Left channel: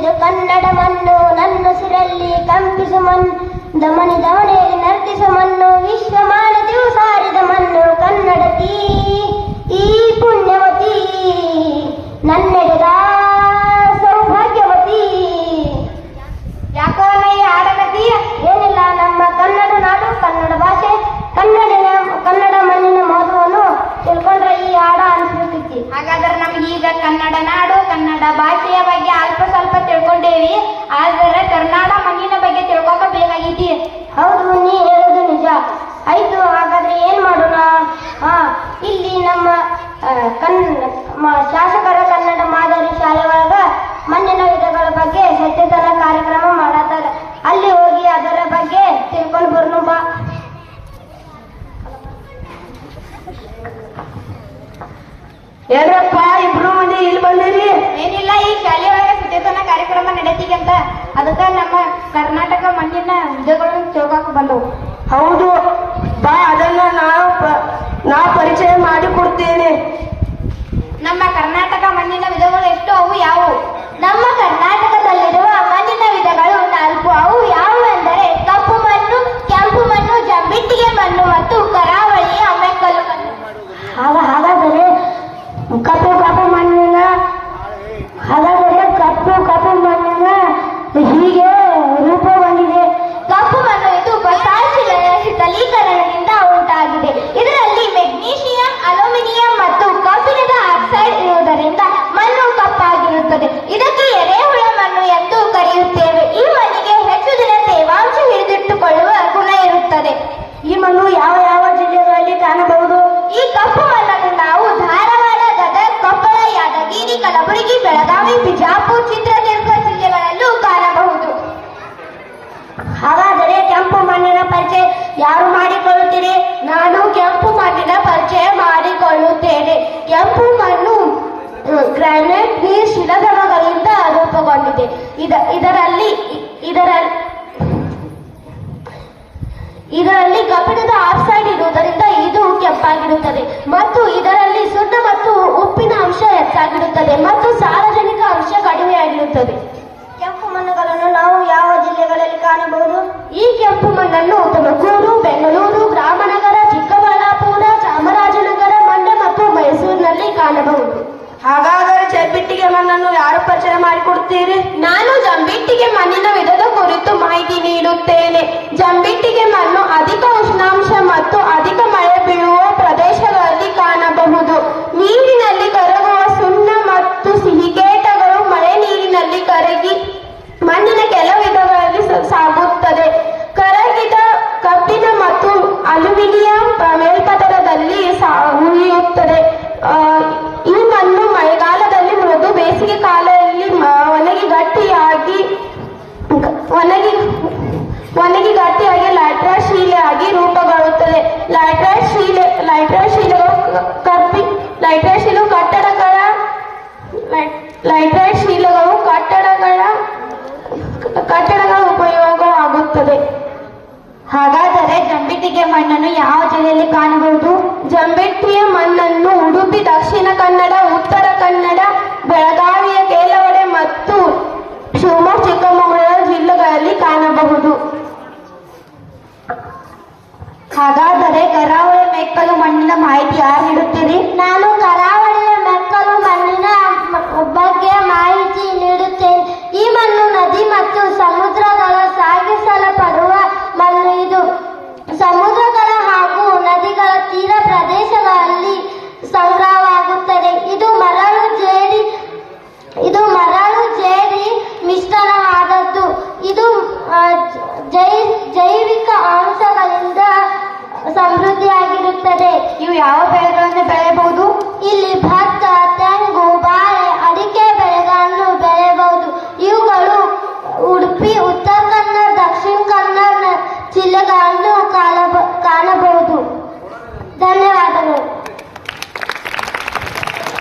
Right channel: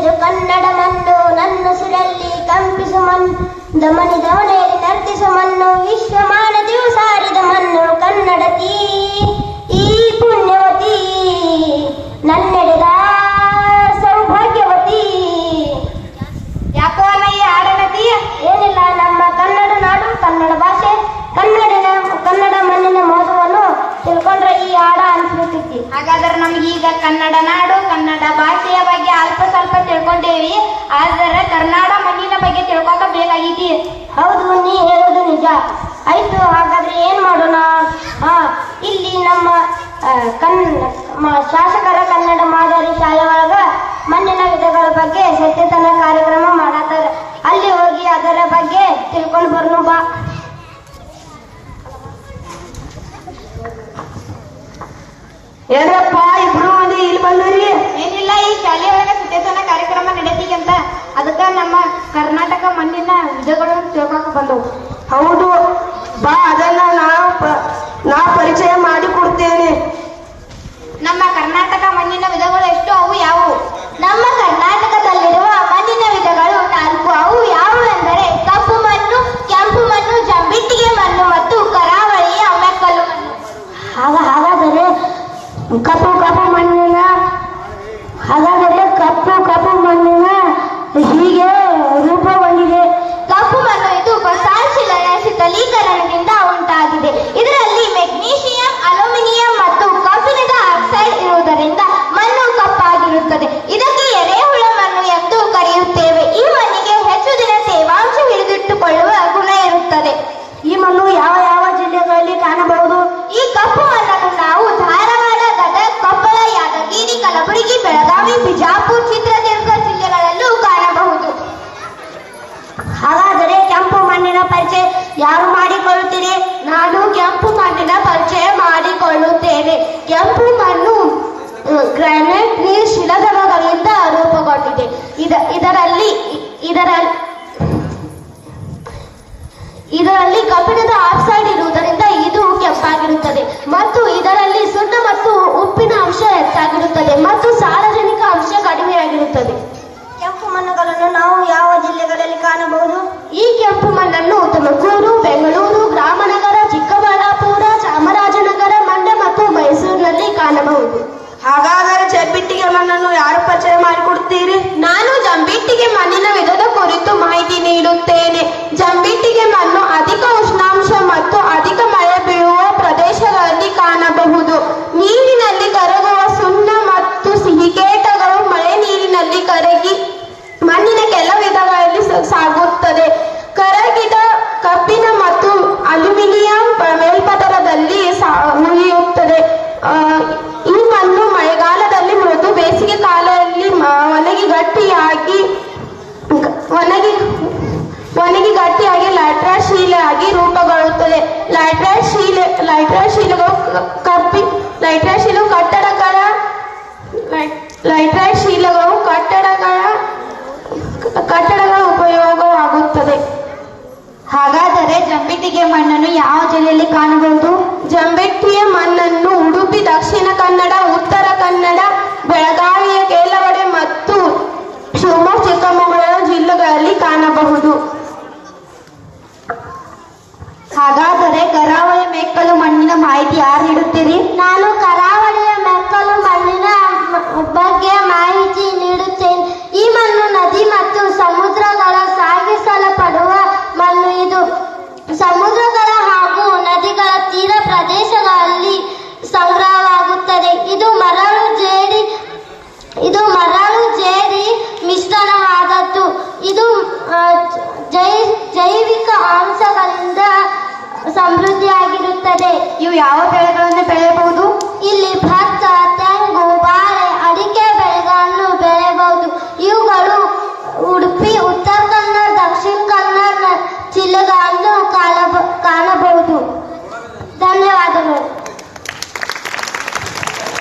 ಇದು ಕನ್ನಡ ಮಣ್ಣು, ನನ್ನುಸಿರಲ್ಲಿ ಕಂಪಿಸು ಮಣ್ಣು, ದಮನಿ ದವಣೆಯಲ್ಲಿ ನರ್ತಿಸು ಮಣ್ಣು, ವಿಶ್ವಮಾನತೆಯು ಸಾರಿದ ಮಣ್ಣು ಕನ್ನಡತಿ ಈ ಪುಣ್ಯವತಿ, ನನ್ನೆಡೆದ ಸೌಭಾಗ್ಯವತಿ. ಯಾಕೋ ಅಲ್ಲ ಈ ಹಾಡನತಿ? ಏನಿಲ್ಲ, ನಮ್ಮ ಕನ್ನಡ ನಾಡು, ಕನ್ನಡ ಭಾಷೆ, ಕನ್ನಡ ಮಣ್ಣಿನ ಮಹತ್ವವನ್ನು ತಿಳ್ಕೊಂಡ್ರೆ ಈ ಹಾಡ ಅನ್ಸ್ಬೇಕಿತ್ತು. ಹಾಗಾದ್ರೆ ನಮಗೀಗ ಕನ್ನಡ ನಾಡು, ಕನ್ನಡ ಭಾಷೆಯ ಬಗ್ಗೆ ಅಲ್ಪ ಸ್ವಲ್ಪ ತಿಳ್ಕೊಂಡೇವಿ. ಆದರೆ ಕರ್ನಾಡ ಮಣ್ಣಿನ ಬಗ್ಗೆ ತಿಳ್ಕೊಕ ಬೇಕಾಗಿತಿ. ಹೌದು, ನೀ ಹೇಳುದು ನಿಜ. ಆಯ್ತು, ಹಾಗಾದ್ರೆ ಏನ್ ಮಾಡೋಣ? ಇಲ್ಲಿ ನಮ್ಮ ಶಾಸಕರ ಕನ್ನಡ ಮಾದರಿ ಶಾಲೆ ಒಳಗ ಮಣ್ಣಿನ ವಿಧಗಳ ಬಗ್ಗೆ ಸಚೇತನ ಕಾರ್ಯಕ್ರಮ ಮಾಡತ್ತಾರ. ಅಲ್ಲಿ ಹೋಗಿ ಅದರ ಬಗ್ಗೆ ತಿಳ್ಕೊಂಡು ಬರ್ನು ಬಾ. ಏನಪ್ಪ ಇಬ್ರು ಮಂದಿ ಇಲ್ಲಿ ಬಂದಿರಿ? ಏನಿಲ್ಲ, ಈ ಶಾಲೆಯೊಳಗೆ ಸಚೇತನ ಕಾರ್ಯಕ್ರಮ ನಡೆತಿಗಂತ, ಅದಕ್ಕೆ ನಮ್ಮ ಕರ್ನಾಟಕ ಮಣ್ಣಿನ ವಿಧಗಳು ತಿಳ್ಕೊಕ ಬಂದವು. ಹೌದು ಬಾ, ಅದನ್ನ ನಾ ಪರಿಚಯ ಮಾಡಿ ಕೊಡ್ತೇನೆ. ನಮ್ಮ ಕರ್ನಾಟಕ ಮಣ್ಣಿನ ವಿಧಗಳು ಎಷ್ಟು, ಅವು ಯಾವುವು? ನಮ್ಮ ಕರ್ನಾಟಕದಲ್ಲಿರುವ ಮಣ್ಣಿನ ವಿಧಗಳು 4. ಅವು ಯಾವುವು ಎಂದರೆ ಕಪ್ಪು ಮಣ್ಣು, ಕೆಂಪು ಮಣ್ಣು, ಜಂಬಿಟ್ಟಿಗೆ ಮಣ್ಣು ಮತ್ತು ಕರಾವಳಿಯ ಮೆಕ್ಕಲು ಮಣ್ಣು. ಹಾಗಾದರೆ ಕಪ್ಪು ಮಣ್ಣಿನ ಹೀಗೆ ರೂಪಗೊಂಡಿದೆ. ಕಪ್ಪು ಮಣ್ಣು ಇದು ಬಸಾಲ್ಟ್ ಶೀತಲೀಕರಣದಿಂದ ಉಂಟಾಗಿದೆ. ಇದರಲ್ಲಿ ಮೆಗ್ನೀಷಿಯಂ, ಅಲ್ಯೂಮಿನಿಯಂ ಮತ್ತು ಕಬ್ಬಿಣದ ಆಕ್ಸೈಡ್ ಇರುವುದರಿಂದ ಮಣ್ಣು ಕಪ್ಪಾಗಿರುತ್ತದೆ. ಇದಕ್ಕೆ ಎರೆಹುಳ ಮಣ್ಣು ಎಂದು ಕರೆಯುತ್ತೇವೆ. ಈ ಮಣ್ಣಿಗೆ ಹೆಚ್ಚು ದಿನ ತೇವಾಂಶ ಹಿಡಿದಿಟ್ಟುಕೊಳ್ಳುವ ಗುಣ ಇರುತ್ತದೆ. ಈ ಮಣ್ಣು ಯಾವ ಯಾವ ಜಿಲ್ಲೆಗಳಲ್ಲಿ ಕಾಣಬಹುದು? ಈ ಕಪ್ಪು ಮಣ್ಣನ್ನು ನಾವು ಧಾರವಾಡ, ಗದಗ, ಕೊಪ್ಪಳ, ಯಾದಗಿರಿ, ಕಲಬುರಗಿ, ಬೆಳಗಾವಿ, ಬಿಜಾಪುರ, ಚಿತ್ರದುರ್ಗ ಜಿಲ್ಲೆಗಳಲ್ಲೂ ಕಾಣಬಹುದು. ಹಾಗಾದರೆ ಕೆಂಪು ಮಣ್ಣಿನ ಪರಿಚಯ ಯಾರು ಮಾಡಿಕೊಳ್ಳುತ್ತೀರಿ? ನಾನು ಕೆಂಪು ಮಣ್ಣಿನ ಪರಿಚಯ ಮಾಡಿಕೊಳ್ಳುತ್ತೇನೆ. ಕೆಂಪು ಮಣ್ಣು ಗ್ರಾನೈಟ್ ನೀರು ಶಿಲಾಧಾರಗಳಿಂದ ರೂಪುಗೊಂಡಿದೆ. ಇದರಲ್ಲಿ ಕಬ್ಬಿಣದ ಆಕ್ಸೈಡ್ ಇರುವುದರಿಂದ ಇದು ಕೆಂಪಾಗಿರುತ್ತದೆ ಮತ್ತು ಇದರಲ್ಲಿ ಸುಣ್ಣ ಮತ್ತು ಉಪ್ಪಿನ ಅಂಶ ಹೆಚ್ಚಾಗಿರುತ್ತದೆ ಮತ್ತು ಸಾರಜನಕ ಅಂಶ ಕಡಿಮೆಯಾಗಿರುತ್ತದೆ. ಕೆಂಪು ಮಣ್ಣುಗಳನ್ನು ನಾವು ಯಾವ ಜಿಲ್ಲೆಗಳಲ್ಲಿ ಕಾಣಬಹುದು? ಈ ಕೆಂಪು ಮಣ್ಣನ್ನು ತುಮಕೂರು, ಬೆಂಗಳೂರು, ರಾಮನಗರ, ಚಿಕ್ಕಬಳ್ಳಾಪುರ, ಚಾಮರಾಜನಗರ, ಮಂಡ್ಯ ಮತ್ತು ಮೈಸೂರಿನಲ್ಲಿ ಕಾಣಬಹುದು. ಹಾಗಾದರೆ ಜಂಬಿಟ್ಟಿಗೆ ಮಣ್ಣನ್ನು ಯಾರು ಪರಿಚಯ ಮಾಡಿಕೊಡ್ತೀರಿ? ನಾನು ಜಂಬಿಟ್ಟಿಗೆ ಮಣ್ಣಿನ ವಿಧದ ಕುರಿತು ಮಾಹಿತಿ ನೀಡುತ್ತೇನೆ. ಜಂಬಿಟ್ಟಿಗೆ ಮಣ್ಣು ಅಧಿಕ ಉಷ್ಣಾಂಶ ಮತ್ತು ಅಧಿಕ ಮಳೆ ಬೀಳುವ ಪ್ರದೇಶಗಳಲ್ಲಿ ಕಾಣಬಹುದು. ನೀರಿನಲ್ಲಿ ಕರಗುವ ಸುಣ್ಣ ಮತ್ತು ಸಿಹಿಕೇಟಗಳು ಮಳೆ ನೀರಿನಲ್ಲಿ ಕರಗಿ ಮಣ್ಣಿನ ಕೆಲ ವಿಧಗಳಲ್ಲಿ ಸಾಗುತ್ತದೆ. ಕರಗಿದ ಕಬ್ಬಿಣ ಮತ್ತು ಅಲ್ಯೂಮಿನಿಯಂ ಮೇಲ್ಪದರದಲ್ಲಿ ಉಳಿಯುತ್ತದೆ. ಈ ಮಣ್ಣು ಮಳೆಗಾಲದಲ್ಲಿ ಮೃದು, ಬೇಸಿಗೆ ಕಾಲದಲ್ಲಿ ಒಣಗಿ ಗಟ್ಟಿಯಾಗಿ ಲ್ಯಾಟ್ರೈಟ್ ಶಿಲೆಯಾಗಿ ರೂಪುಗೊಳ್ಳುತ್ತದೆ. ಲ್ಯಾಟ್ರೈಟ್ ಶಿಲೆಗಳು ಕಟ್ಟಡಗಳ ಉಪಯೋಗವಾಗುತ್ತದೆ. ಹಾಗಾದರೆ ಜಂಬಿಟ್ಟಿಗೆ ಮಣ್ಣನ್ನು ಯಾವ ಜಿಲ್ಲೆಯಲ್ಲಿ ಕಾಣಬಹುದು? ಜಂಬಿಟ್ಟಿಯ ಮಣ್ಣನ್ನು ಉಡುಪಿ, ದಕ್ಷಿಣ ಕನ್ನಡ, ಉತ್ತರ ಕನ್ನಡ, ಬೆಳಗಾವಿಯ ಕೆಲವೆಡೆ ಮತ್ತು ಶಿವಮೊಗ್ಗ, ಚಿಕ್ಕಮಗಳೂರು ಜಿಲ್ಲೆಗಳಲ್ಲಿ ಕಾಣಬಹುದು. ಹಾಗಾದರೆ ಕರಾವಳಿ ಮೆಕ್ಕಲು ಮಣ್ಣಿನ ಮಾಹಿತಿ ಯಾರು ನೀಡುತ್ತೀರಿ? ನಾನು ಕರಾವಳಿಯ ಮೆಕ್ಕಲು ಮಣ್ಣಿನ ಬಗ್ಗೆ ಮಾಹಿತಿ ನೀಡುತ್ತೇನೆ. ಈ ಮಣ್ಣು ನದಿ ಮತ್ತು ಸಮುದ್ರಗಳ ಸಾಗಿಸಲ್ಪಡುವ ಮಣ್ಣು. ಇದು ಸಮುದ್ರಗಳ ಹಾಗೂ ನದಿಗಳ ತೀರ ಪ್ರದೇಶಗಳಲ್ಲಿ ಸಂಗ್ರಹವಾಗುತ್ತದೆ. ಇದು ಮರಳು ಜೇಡಿ ಮಿಶ್ರಣವಾದದ್ದು. ಇದು ಜೈವಿಕ ಅಂಶಗಳಿಂದ ಸಮೃದ್ಧಿಯಾಗಿರುತ್ತದೆ. ಇವು ಯಾವ ಬೆಳೆಗಳು